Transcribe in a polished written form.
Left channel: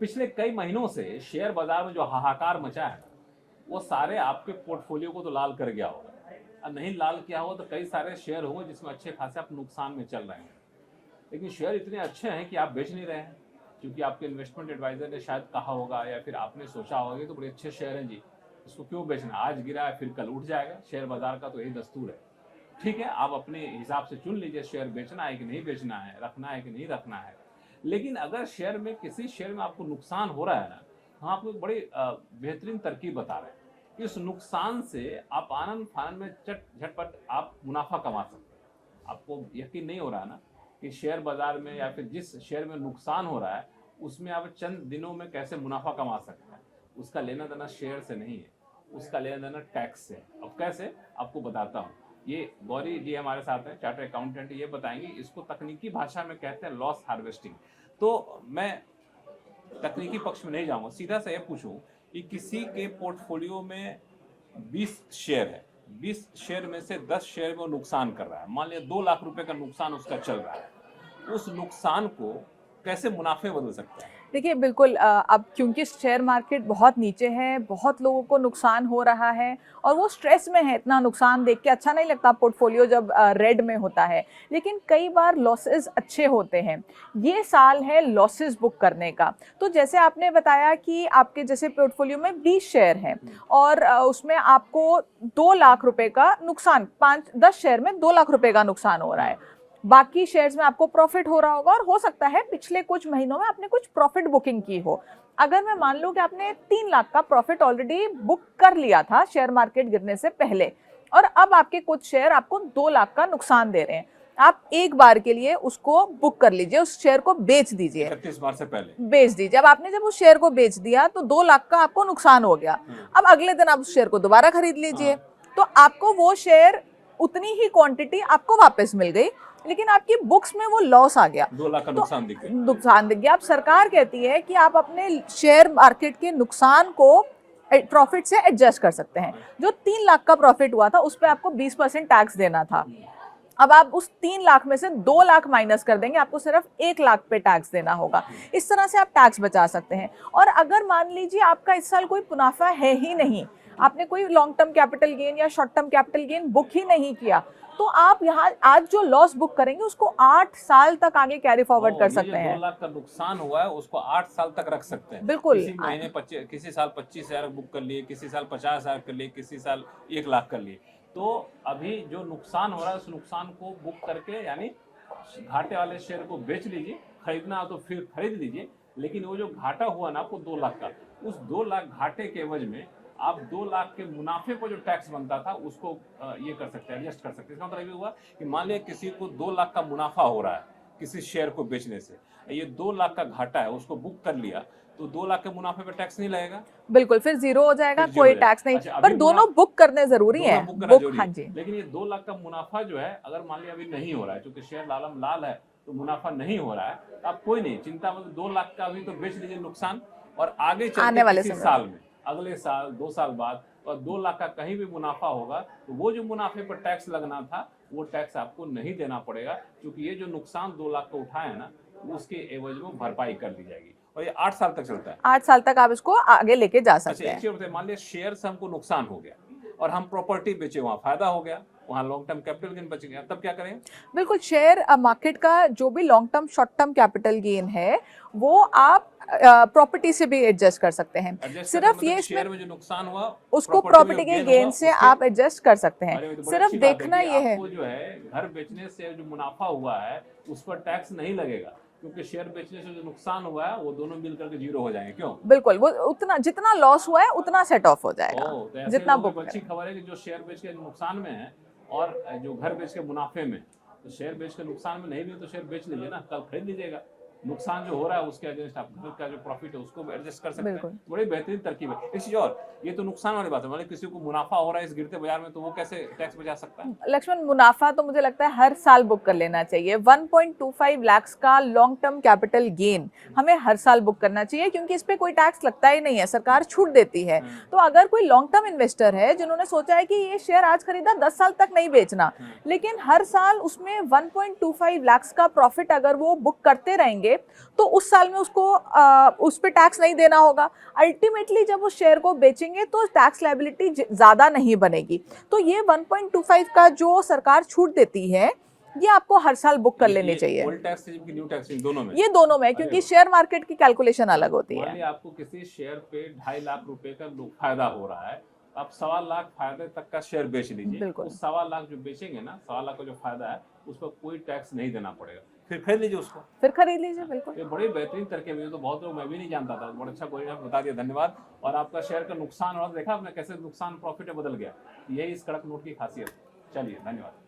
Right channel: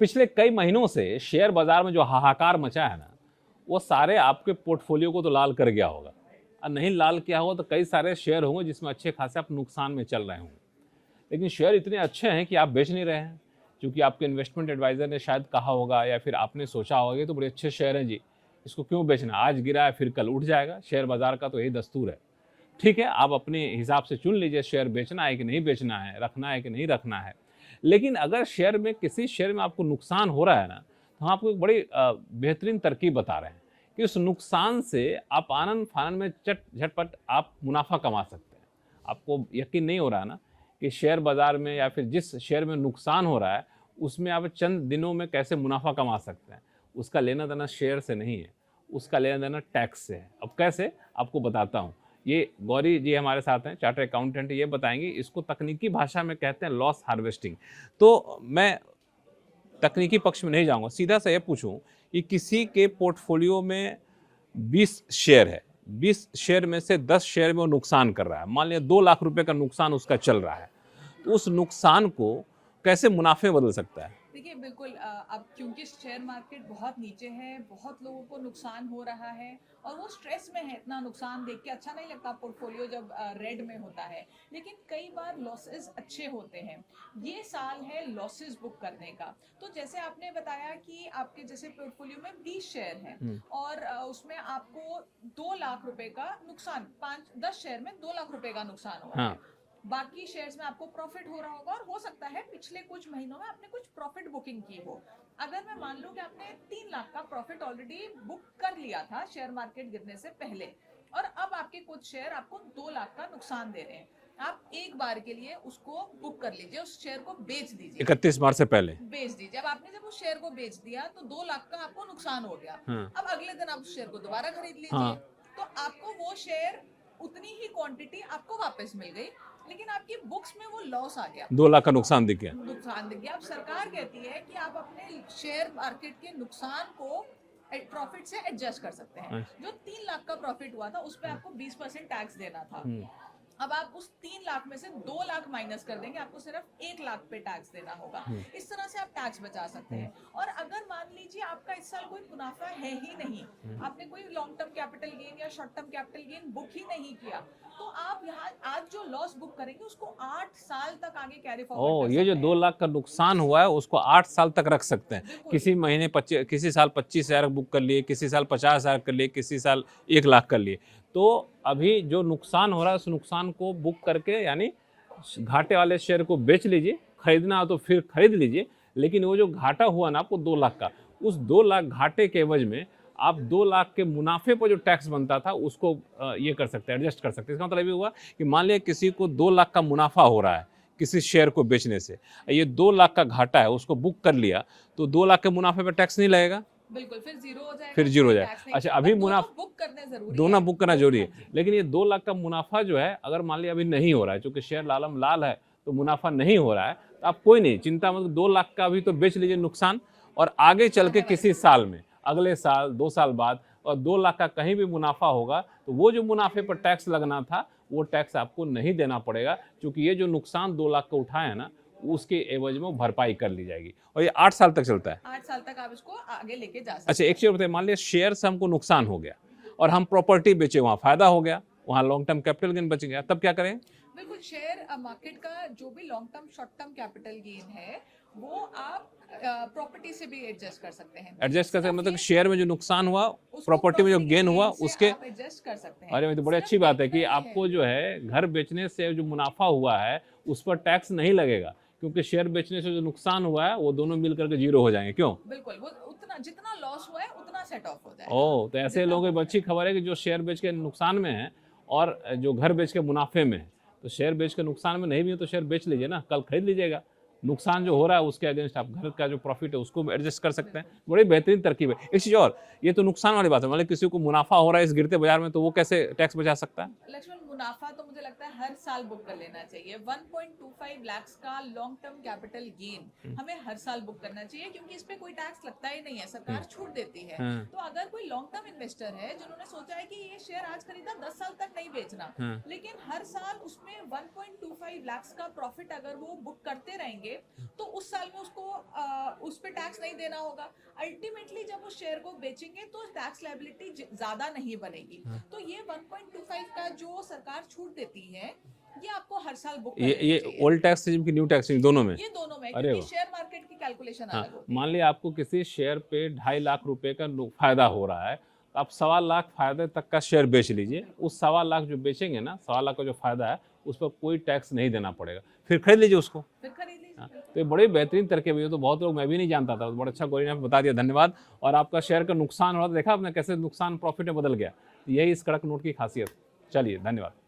पिछले कई महीनों से शेयर बाजार में जो हाहाकार मचा है ना, वो सारे आपके पोर्टफोलियो को तो लाल कर गया होगा, और नहीं लाल किया हो तो कई सारे शेयर होंगे जिसमें अच्छे खासे आप नुकसान में चल रहे होंगे। लेकिन शेयर इतने अच्छे हैं कि आप बेच नहीं रहे हैं, क्योंकि आपके इन्वेस्टमेंट एडवाइजर ने शायद कहा होगा या फिर आपने सोचा होगा कि तो बड़े अच्छे शेयर हैं जी, इसको क्यों बेचना, आज गिरा है फिर कल उठ जाएगा, शेयर बाजार का तो यही दस्तूर है। ठीक है, आप अपने हिसाब से चुन लीजिए शेयर बेचना है कि नहीं बेचना है, रखना है कि नहीं रखना है। लेकिन अगर शेयर में किसी शेयर में आपको नुकसान हो रहा है ना, तो हम आपको एक बड़ी बेहतरीन तरकीब बता रहे हैं कि उस नुकसान से आप आनंद फानंद में झटपट आप मुनाफा कमा सकते हैं। आपको यकीन नहीं हो रहा है ना कि शेयर बाजार में या फिर जिस शेयर में नुकसान हो रहा है उसमें आप चंद दिनों में कैसे मुनाफा कमा सकते हैं। उसका लेना देना शेयर से नहीं है, उसका लेना देना टैक्स से है। अब कैसे, आपको बताता हूँ। ये गौरी जी हमारे साथ हैं, चार्टर्ड अकाउंटेंट, ये बताएंगे। इसको तकनीकी भाषा में कहते हैं लॉस हार्वेस्टिंग। तो मैं तकनीकी पक्ष में नहीं जाऊंगा, सीधा सा ये पूछूं कि किसी के पोर्टफोलियो में 20 शेयर है, 20 शेयर में से 10 शेयर में वो नुकसान कर रहा है, मान लिया 2 लाख रुपए का नुकसान उसका चल रहा है, उस नुकसान को कैसे मुनाफे बदल सकता है? देखिए बिल्कुल, अब क्योंकि शेयर मार्केट बहुत नीचे है, बहुत लोगों को नुकसान हो रहा है और वो स्ट्रेस में है। इतना नुकसान देख के अच्छा नहीं लगता पोर्टफोलियो जब रेड में होता है, लेकिन कई बार लॉसेस अच्छे होते हैं। ये साल है लॉसेस बुक करने का। तो जैसे आपने बताया कि आपके जैसे पोर्टफोलियो में 20 शेयर हैं और उसमें आपको 2 लाख रुपए का नुकसान, 5-10 शेयर में 2 लाख रुपए का नुकसान हो रहा है। बाकी शेयर्स में आपको प्रॉफिट हो रहा होगा और हो सकता है पिछले कुछ महीनों में आपने कुछ प्रॉफिट बुकिंग की हो। अगर मैं मान लूं कि आपने 3 लाख का प्रॉफिट ऑलरेडी बुक कर लिया था शेयर मार्केट गिरने से पहले, और अब आपके कुछ शेयर आपको 2 लाख का नुकसान दे रहे हैं, आप एक बार के लिए उसको बुक कर लीजिए, उस शेयर को बेच दीजिए। 31 मार्च से पहले बेच दीजिए। अब आपने जब उस शेयर को बेच दिया तो 2 लाख का आपको नुकसान हो गया। अब अगले दिन आप उस शेयर को दोबारा खरीद लीजिए, तो आपको वो शेयर उतनी ही क्वांटिटी आपको वापस मिल गई, लेकिन आपकी बुक्स में वो लॉस आ गया, 2 लाख का नुकसान दिख गया। नुकसान दिख गया। अब सरकार कहती है कि आप अपने शेयर मार्केट के नुकसान को प्रॉफिट से एडजस्ट कर सकते हैं। जो 3 लाख का प्रॉफिट हुआ था उस पर आपको 20% टैक्स देना था, अब आप उस 3 लाख में से 2 लाख माइनस कर देंगे, आपको सिर्फ 1 लाख पे टैक्स देना होगा। इस तरह से आप टैक्स बचा सकते हैं। और अगर मान लीजिए आपका इस साल कोई मुनाफा है ही नहीं, आपने कोई लॉन्ग टर्म कैपिटल गेन या short term capital gain book ही नहीं किया, तो आप यहाँ आज जो लॉस बुक करेंगे उसको 8 साल तक आगे कैरी फॉरवर्ड कर सकते हैं। ये जो 2 लाख का नुकसान हुआ है उसको 8 साल तक रख सकते हैं। बिल्कुल। किसी महीने किसी साल 25,000 बुक कर लिए, किसी साल 50,000 कर लिए, किसी साल 1 लाख कर लिए। तो अभी जो नुकसान हो रहा है उस नुकसान को बुक करके, यानी घाटे वाले शेयर को बेच लीजिए, खरीदना हो तो फिर खरीद लीजिए। लेकिन वो जो घाटा हुआ ना आपको 2 लाख का, उस 2 लाख घाटे के एवज में आप 2 लाख के मुनाफे पर जो टैक्स बनता था उसको ये कर सकते हैं, एडजस्ट कर सकते हैं। इसका मतलब ये हुआ कि मान लिया किसी को 2 लाख का मुनाफा हो रहा है किसी शेयर को बेचने से, ये 2 लाख का घाटा है, उसको बुक कर लिया तो 2 लाख के मुनाफे पर टैक्स नहीं लगेगा। बिल्कुल, फिर जीरो हो जाएगा, कोई टैक्स नहीं। अच्छा, पर दोनों बुक करने जरूरी है, दोनों बुक करना जरूरी है। लेकिन ये 2 लाख का मुनाफा जो है, अगर मान लिया अभी नहीं हो रहा है, चूंकि शेयर लालम लाल है तो मुनाफा नहीं हो रहा है, तो आप कोई नहीं चिंता, मतलब 2 लाख का अभी तो बेच लीजिए नुकसान, और आगे चल के किसी साल में, अगले साल 2 साल बाद, और 2 लाख का कहीं भी मुनाफा होगा तो वो जो मुनाफे पर टैक्स लगना था वो टैक्स आपको नहीं देना पड़ेगा, क्योंकि ये जो नुकसान 2 लाख का उठाए है ना उसके एवज में भरपाई कर ली जाएगी। और ये 8 साल तक चलता है। 8 साल तक आप इसको आगे लेके जा सकते हैं। अच्छा, एक चीज बताइए, मान लिया शेयर से हमको नुकसान हो गया और हम प्रॉपर्टी बेचे, वहां फायदा हो गया, वहां लॉन्ग टर्म कैपिटल गेन बच गया, तब क्या करें? बिल्कुल, शेयर मार्केट का जो भी long term short term capital gain है वो आप प्रॉपर्टी से भी एडजस्ट कर सकते हैं। एडजस्ट करते मतलब शेयर में जो नुकसान हुआ उसको प्रॉपर्टी में जो गेन हुआ से आप एडजस्ट कर सकते हैं। अरे तो बड़ी अच्छी बात है कि आपको जो है घर बेचने से जो मुनाफा हुआ है उस पर टैक्स नहीं लगेगा, क्योंकि शेयर बेचने से जो नुकसान हुआ है वो दोनों मिलकर के जीरो हो जाएंगे। क्यों? बिल्कुल, वो उतना जितना लॉस हुआ है उतना सेट ऑफ हो जाएगा। तो ऐसे लोगों को अच्छी खबर है कि जो शेयर बेच के नुकसान में है और जो घर बेच के मुनाफे में है, तो शेयर बेच के नुकसान में नहीं भी हो तो शेयर बेच लीजिए ना, कल खरीद लीजिएगा। नुकसान जो हो रहा है उसके अगेंस्ट आप घर का जो प्रॉफिट है उसको एडजस्ट कर सकते हैं। बड़ी बेहतरीन तरकीब है। एक चीज और, ये तो नुकसान वाली बात है, मतलब किसी को मुनाफा हो रहा है इस गिरते बाजार में तो वो कैसे टैक्स बचा सकता है? लक्ष्मण, मुनाफा तो मुझे लगता है हर साल बुक कर लेना चाहिए। 1.25 लाख का लॉन्ग टर्म कैपिटल गेन हमें हर साल बुक करना चाहिए, क्योंकि इस पे कोई टैक्स लगता ही नहीं है, सरकार छूट देती है। तो अगर कोई लॉन्ग टर्म इन्वेस्टर है जिन्होंने सोचा है कि ये शेयर आज खरीदा 10 साल तक नहीं बेचना, लेकिन हर साल उसमें 1.25 लाख का प्रॉफिट अगर वो बुक करते रहेंगे बेचेंगे तो उस साल में उसको उस पे टैक्स नहीं देना होगा। अल्टीमेटली जब उस शेयर को बेचेंगे तो टैक्स लायबिलिटी ज़्यादा नहीं बनेगी। तो ये 1.25 का जो सरकार छूट देती है ये आपको हर साल बुक कर लेनी चाहिए। ओल्ड टैक्स रिजिम की न्यू टैक्स रिजिम दोनों में? ये दोनों में, अरे क्योंकि वाह। शेयर मार्केट की कैलकुलेशन अलग होती मान है। लिया आपको किसी शेयर पे 2.5 लाख रुपए का फायदा हो रहा है, तो आप 1.25 लाख फायदे तक का शेयर बेच लीजिए। बिल्कुल। उस 1.25 लाख जो बेचेंगे ना, 1.25 लाख का जो फायदा है उस पर कोई टैक्स नहीं देना पड़ेगा, फिर खरीद लीजिए उसको। फिर खरीद लीजिए, बिल्कुल। तो ये बड़े बेहतरीन तरकीब है, ये तो बहुत लोग, मैं भी नहीं जानता था, बड़ा अच्छा गौरी ने हमें बता दिया, धन्यवाद। और आपका शेयर का नुकसान हो रहा था, देखा आपने कैसे नुकसान प्रॉफिट में बदल गया। यही इस कड़क नोट की खासियत। चलिए, धन्यवाद।